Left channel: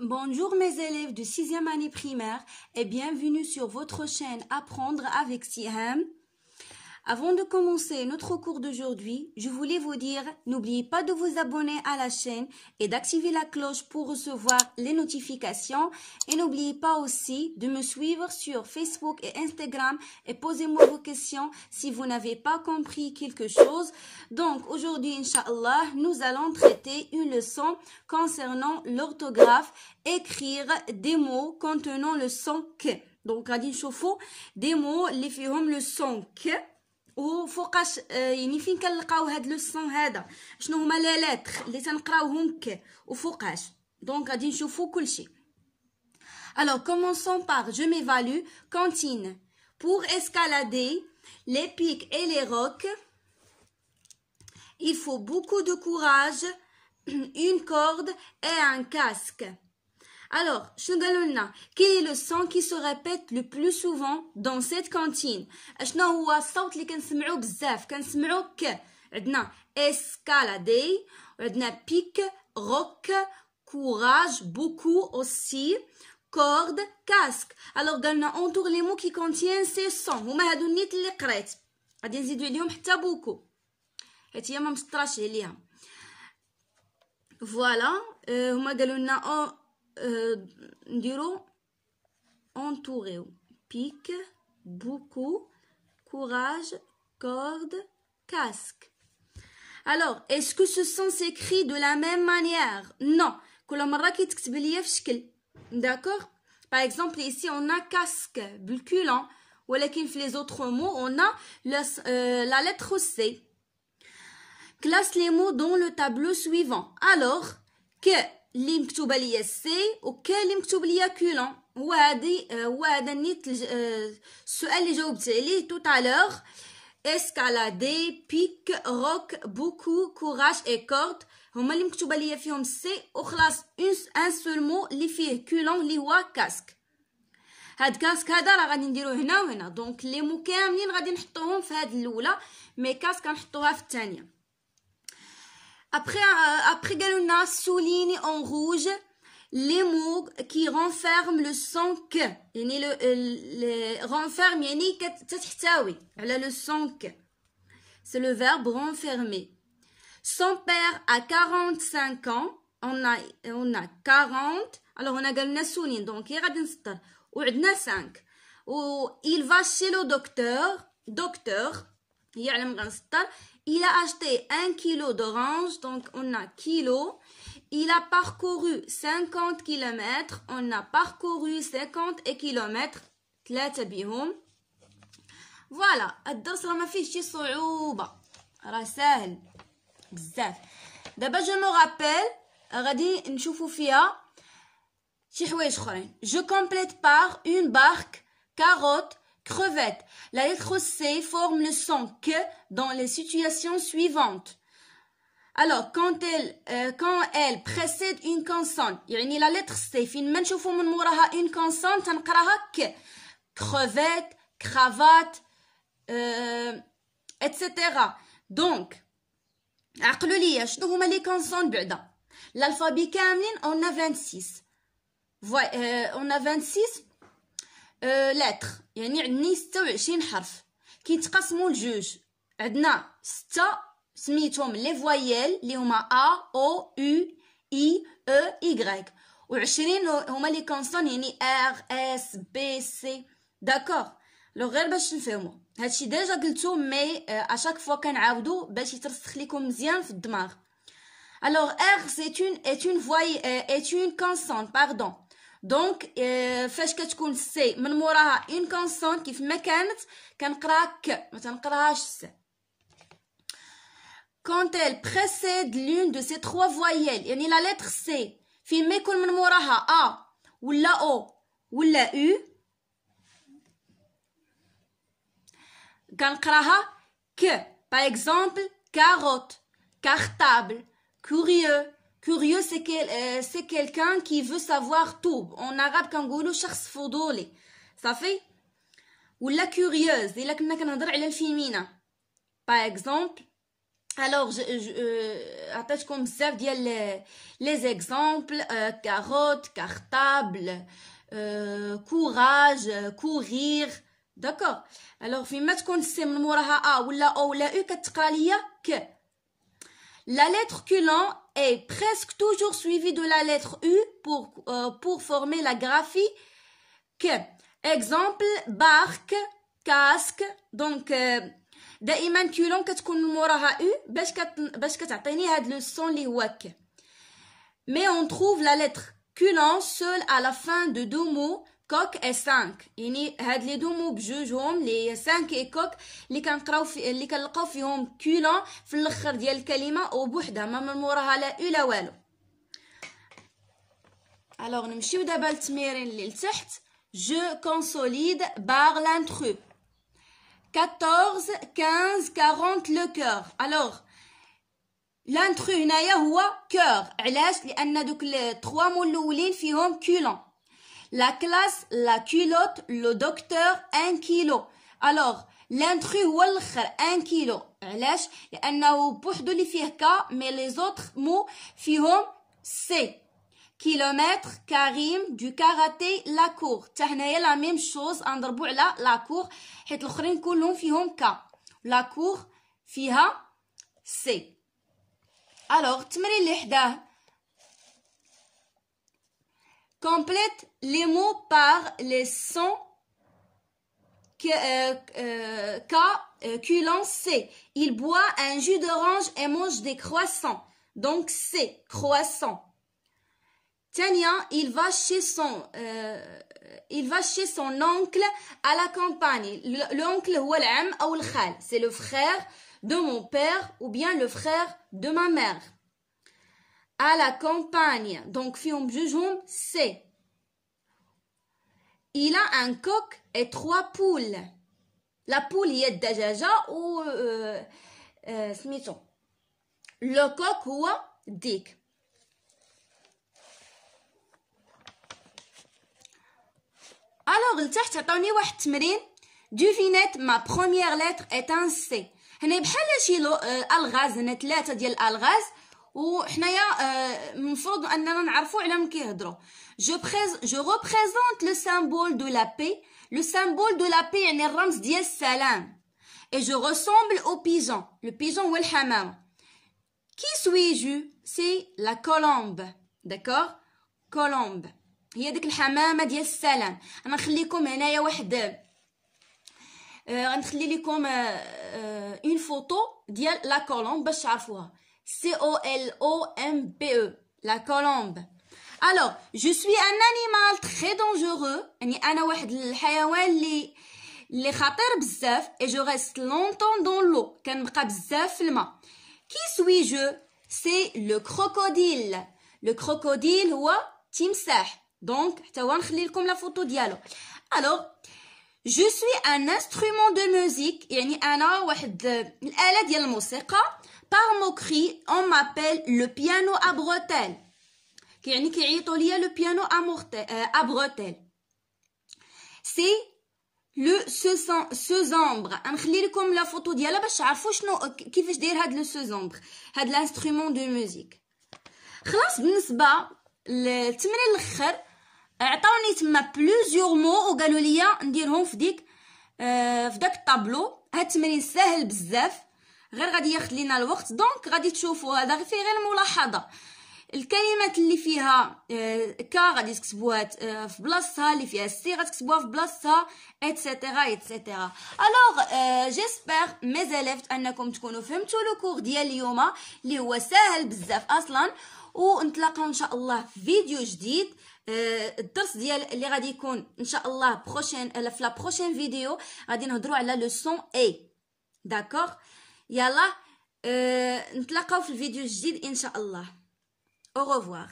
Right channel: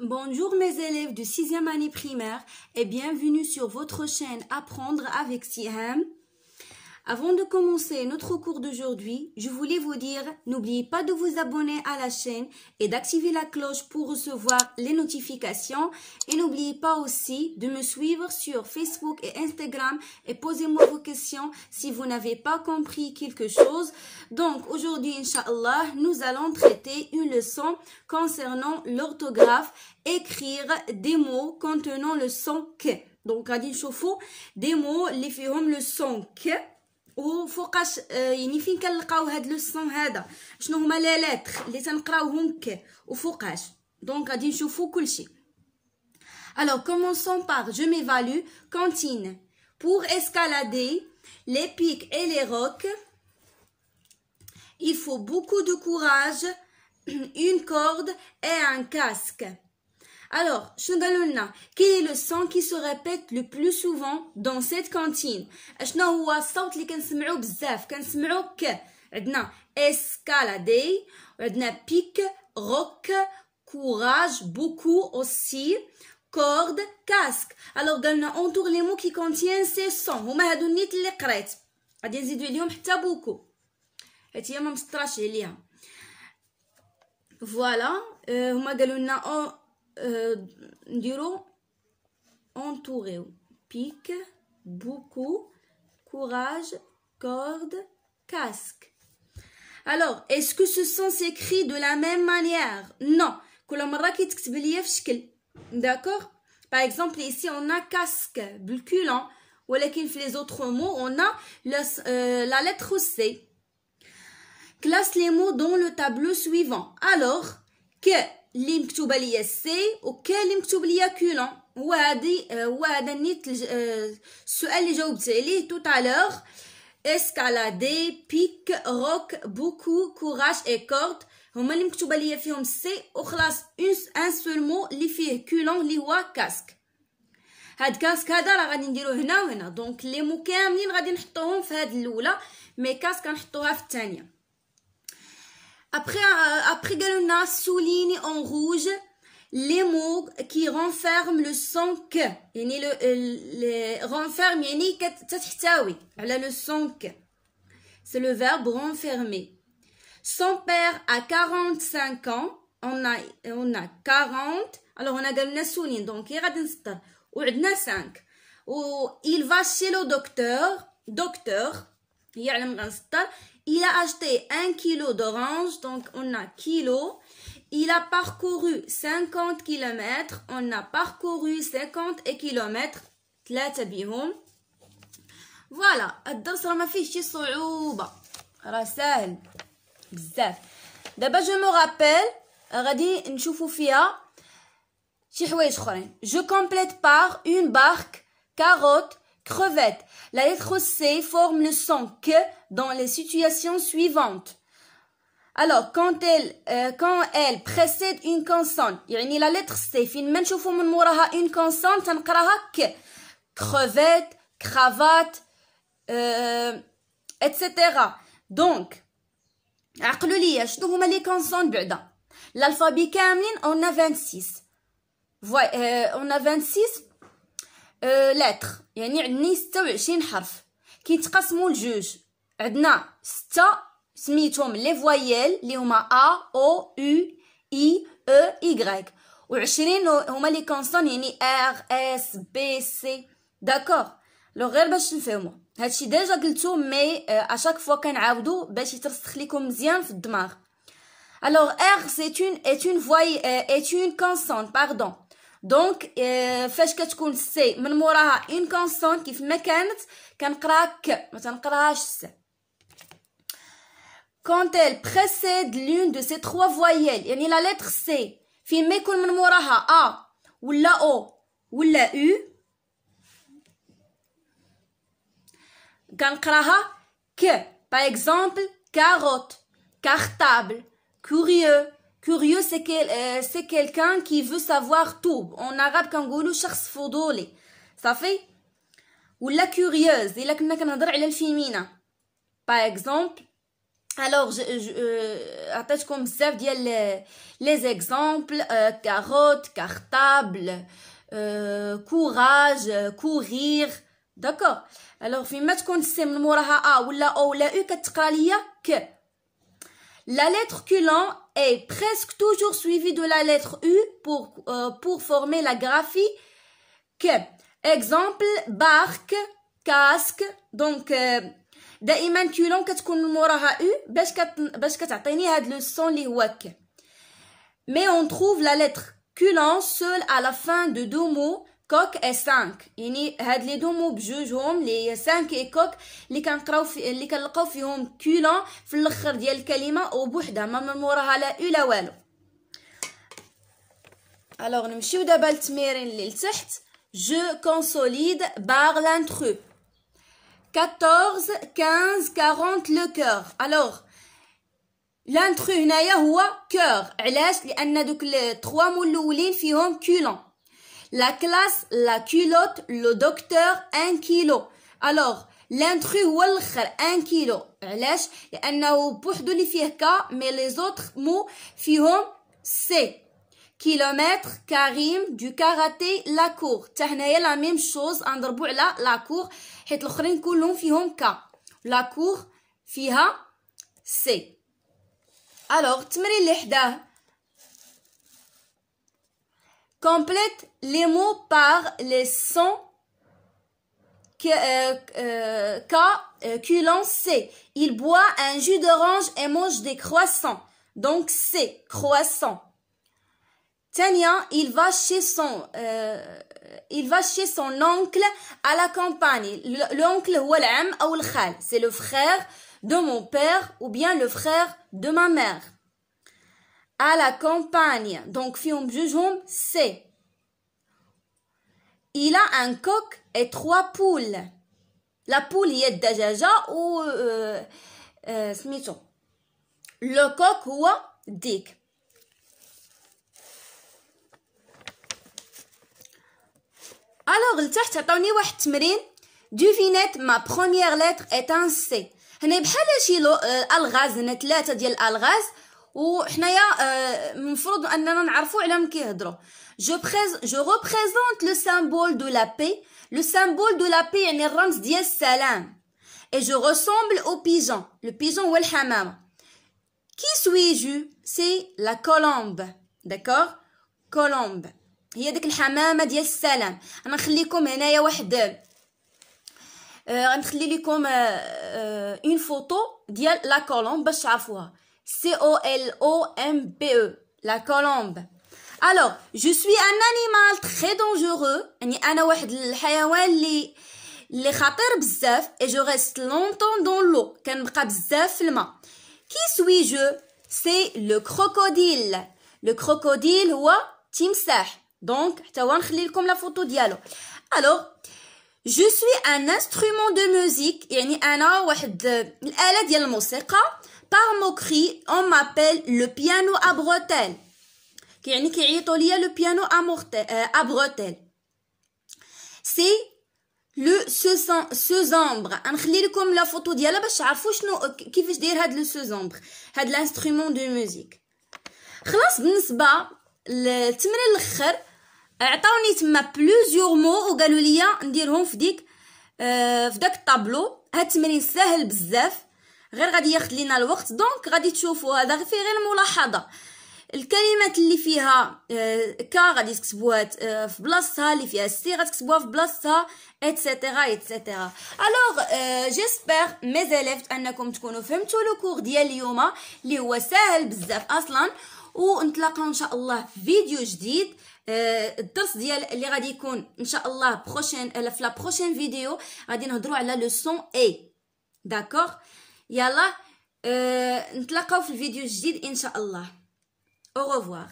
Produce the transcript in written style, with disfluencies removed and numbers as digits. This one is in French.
Bonjour mes élèves de 6e année primaire et bienvenue sur votre chaîne Apprendre avec Siham. Avant de commencer notre cours d'aujourd'hui, je voulais vous dire, n'oubliez pas de vous abonner à la chaîne et d'activer la cloche pour recevoir les notifications. Et n'oubliez pas aussi de me suivre sur Facebook et Instagram et posez-moi vos questions si vous n'avez pas compris quelque chose. Donc aujourd'hui, Inch'Allah, nous allons traiter une leçon concernant l'orthographe, écrire des mots contenant le son K. Donc, غادي نشوفوا des mots اللي فيهم le son K. وفوقاش يعني فين كنلقاو هاد لو سون هذا شنو هما لي لتر اللي تنقراوهم ك وفوقاش دونك غادي نشوفو كلشي. Alors commençons par je m'évalue. Cantine. Pour escalader les pics et les rocs, il faut beaucoup de courage, une corde et un casque. Alors, quel est le son qui se répète le plus souvent dans cette cantine? شنو هو الصوت اللي كنسمعوه بزاف؟ كنسمعوه ك. عندنا escalader, عندنا pic, roc, courage, beaucoup aussi, corde, casque. Alors قالنا entoure les mots qui contiennent ces sons. هما هادو النيت اللي قريت. غادي نزيدو عليهم حتى beaucoup. حيت هي ما مسطراش عليها. فوالا هما قالوا لنا نديرو entouré, pic, beaucoup, courage, corde, casque. Alors, est-ce que ce son s'écrit de la même manière? Non. كل مرة كيتكتب ليا في شكل. D'accord? Par exemple, ici on a casque, bulculant. ولكن في les autres mots, on a la lettre C. Classe les mots dans le tableau suivant. Alors, que اللي مكتوبه ليا سي وكاين اللي مكتوب ليا كولون. وهذا نيت السؤال اللي جاوبت عليه tout à l'heure. escalader, pic, roc, beaucoup, courage et corde هما اللي مكتوبه ليا فيهم سي وخلاص ان سول مو اللي فيه كولون اللي هو كاسك. هاد كاسك هذا راه غادي نديروه هنا وهنا دونك لي مو كاملين غادي نحطوهم في هاد الاولى مي كاسك غنحطوها في الثانيه. Après galona souligne en rouge les mots qui renferment le son que. يعني le renferme يعني كتحتوي على le son que. C'est le verbe renfermer. Son père a 45 ans. On a 40. Alors on a galona souligne donc غادي نسطر وعندنا 5. Il va chez le docteur يعلم غنسطر. Il a acheté 1 kilo d'orange, donc on a kilo. Il a parcouru 50 km, on a parcouru 50 km. 3 بهم. Voilà, الدرس راه ما فيهش شي صعوبة، راه ساهل بزاف. دابا جو مو رابيل غادي نشوفو فيها شي حوايج اخرين. Je complète par une barque, carotte, crevette. La lettre C forme le son que dans les situations suivantes. Alors, quand elle précède une consonne, يعني la lettre C فين ما نشوفو من موراها une consonne تنقراها ك. crevette, cravate, etc. Donc, عقلوا ليا شنو هما لي consonnes بعدا. L'alphabet كاملين on a 26. On a 26 lettres. يعني عندنا 26 حرف كيتقسموا لجوج. عندنا 6 سميتهم لي فوايل اللي هما ا او يو اي او y و20 هما لي كونسون يعني ار اس بي سي. داكوغ لو غير باش نفهموا هادشي ديجا قلتو مي اشاك فوا كنعاودو باش يترسخ لكم مزيان في الدماغ. alors r est une consonne pardon. دونك فاش كتكون سي من موراها اون كونسون كيف ما كانت كنقراها ك ما تنقراهاش س. quand elle précède l'une de ces 3 voyelles يعني la lettre C فين ما يكون من موراها a ولا o ولا u كنقراها ك. par exemple carotte, cartable, curieux. Curieux, c'est quelqu'un qui veut savoir tout. En arabe, كنقولوا شخص فضولي. صافي؟ ولا curieuse إلا كنا كنهضر على الفيمينا. Par exemple, Alors, عطيتكم بزاف ديال les exemples, carotte, cartable, courage, courir. D'accord. Alors, فيما تكون السين من موراها ولا او ولا او كتقرا ليا ك. La lettre culon est presque toujours suivie de la lettre U pour former la graphie que. Exemple, barque, casque. Donc, دائما culon كتكون من موراها U باش كتعطيني هاد لو سون اللي هو ك. Mais on trouve la lettre culon seule à la fin de deux mots, coq et 5. يعني هاد لي دو مو بجوجهم لي 5 et coq اللي كنلقاو فيهم culon في الاخر ديال الكلمه وبوحدها ما من موراها لا او لا والو. الوغ نمشيو دابا للتمرين اللي لتحت. Je consolide barre l'intrus. 14, 15, 40 le cœur. Alors l'intrus هنايا هو cœur. علاش؟ لان دوك 3 مو الاولين فيهم culon. La classe, la culotte, le docteur, 1 kilo. Alors l'intrus هو الاخر 1 كيلو. علاش؟ لانه بوحدو اللي فيه ك مي لي زوتر مو فيهم سي. كيلومتر، كريم، دو كاراتي، لا كور. حتى هنايا لا ميم شوز نضربو على لا كور حيت الاخرين كلهم فيهم ك. لا كور فيها سي. الوغ التمرين اللي حداه complète les mots par les sons culon C. Il boit un jus d'orange et mange des croissants. Donc C, croissant. Tania, il va chez son oncle à la campagne. L'oncle هو العم أو الخال. C'est le frère de mon père ou bien le frère de ma mère. À la campagne. Donc فيهم بجوجهم C. Il a un coq et 3 poules. La poule هي الدجاجة و سميتو. Le coq هو الديك. Alors لتحت عطاوني واحد التمرين. Devinette ma première lettre est un C. هنا بحال شي الغاز. هنا 3 ديال الالغاز وحنايا المفروض اننا نعرفوا على من كيهضروا. Je représente le symbole de la paix. Le symbole de la paix يعني الرمز ديال السلام. Et je ressemble au pigeon. Le pigeon هو الحمامة. Qui suis-je? C'est la colombe. D'accord? Colombe. هي ديك الحمامة ديال السلام. انا نخليكم هنايا واحد غنخلي لكم une photo ديال la colombe باش تعرفوها. C-O-L-O-M-B-E. La colombe. Alors, je suis un animal très dangereux. يعني أنا واحد الحيوان اللي خطير بزاف. Et je reste longtemps dans l'eau. كنبقى بزاف في الماء. Qui suis-je? C'est le crocodile. Le crocodile هو تمساح. Donc حتى هو نخلي لكم لا فوتو ديالو. Alors, je suis un instrument de musique. يعني أنا واحد الآلة ديال الموسيقى. Par moquerie, on m'appelle le piano à bretelles. يعني كيعيطوا ليا le piano à bretelles. C'est le sezambre. غنخلي لكم لا فوتو ديالها باش تعرفوا شنو كيفاش داير هاد لو سezambre. هاد الانسترومون دو ميوزيك. خلاص بالنسبه للتمرين الاخر عطاوني تما بلوزيور مو وقالوا لي نديرهم في داك الطابلو. هاد التمرين ساهل بزاف غير غادي ياخذ لينا الوقت. دونك غادي تشوفوا هذا في غير ملاحظه. الكلمات اللي فيها كا غادي تكتبوها في بلاصتها، اللي فيها سي غتكتبوها في بلاصتها ايتترا ايتترا. الوغ جيسبر مي زيليف انكم تكونوا فهمتوا لو كور ديال اليوم اللي هو ساهل بزاف اصلا. ونتلاقاو ان شاء الله في فيديو جديد. الدرس ديال اللي غادي يكون ان شاء الله في لا بروشين فيديو غادي نهضروا على لو سون اي. داكوغ يلا نتلاقاو في الفيديو الجديد ان شاء الله. Au revoir.